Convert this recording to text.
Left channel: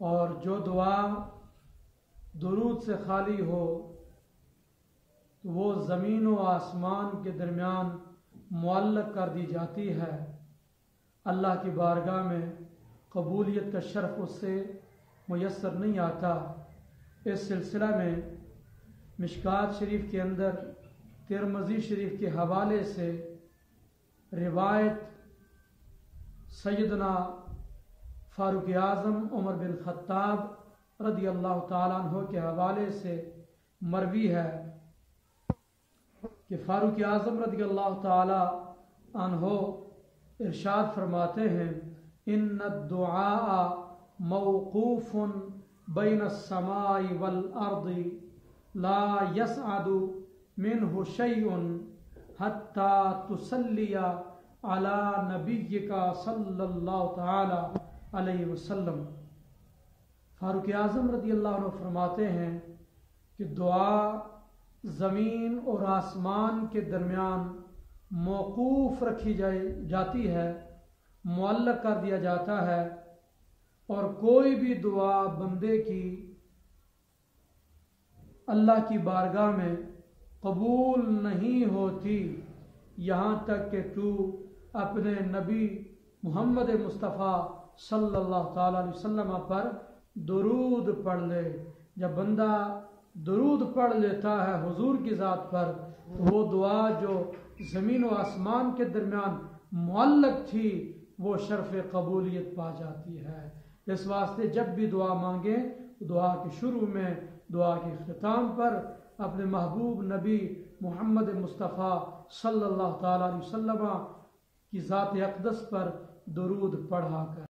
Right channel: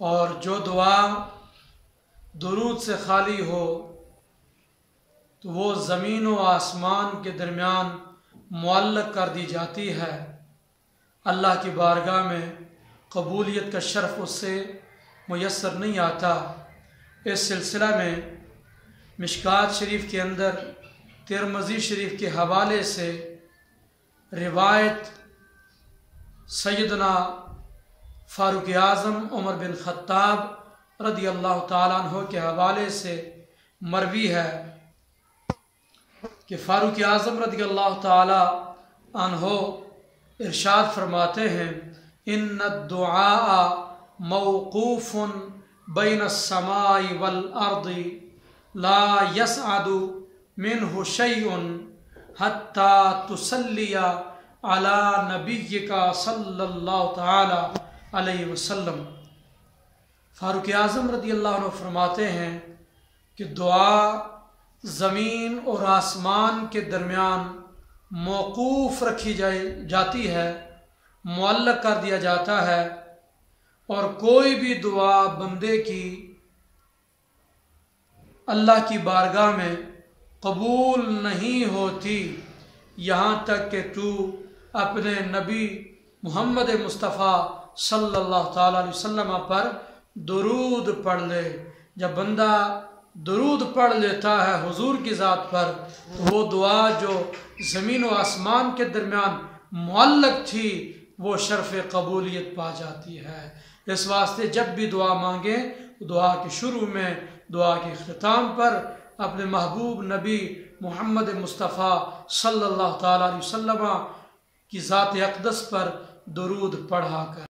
और जो दुआ दुरूद से खाली हो तो वो ज़मीन व आसमान के दरमियान मुअल्लक़ कर दी जाती है। अल्लाह की बारगाह में कबूलियत का शर्फ़ उससे मुयस्सर नहीं आता। इस सिलसिला में मिशकात शरीफ के अंदर तिरमिज़ी शरीफ के हवाले से रिवायत सैयदना फ़ारूक़ आज़म उमर बिन ख़त्ताब रज़ी अल्लाह ताला अन्हु के हवाले से मरवी है कि फ़ारूक़ आज़म रज़ी अल्लाह ताला अन्हु इरशाद फरमाते हैं, इन्ना दुआ मौक़ूफ़ुन बैन अस्समाई वल अर्दी ला यसअदु मिन्हु शैउन हत्ता तुसल्लिया अला नबिय्यिका सल्लल्लाहु तआला अलैहि वसल्लम। फ़ारूक़ आज़म रज़ी अल्लाह अन्हु फरमाते हैं कि दुआ ज़मीन और आसमान के दरमियान मौक़ूफ़ रखी जाती है, मुअल्लक़ कर दिया जाता है, और कोई भी दुआ बंदे की अल्लाह की बारगाह में कबूल नहीं होती यहाँ तक कि तू अपने नबी मुहम्मद मुस्तफ़ा सल्लल्लाहु ताला अलैहि वसल्लम पर दुरूद पढ़ ले। जब बंदा दुरूद पढ़ लेता है हुजूर की ज़ात पर, तो वो दुआ जो ज़मीन व आसमान के दरमियान मुअल्लक़ थी वो शर्फ़ कबूलियत पा जाती है। इस वास्ते जब भी दुआ मांगें, दुआ के शुरू में, दुआ के इख्तिताम पर अपने महबूब नबी मुहम्मद मुस्तफ़ा सल्लल्लाहु ताला अलैहि वसल्लम की ज़ात अक़दस पर दुरूद पढ़ा कर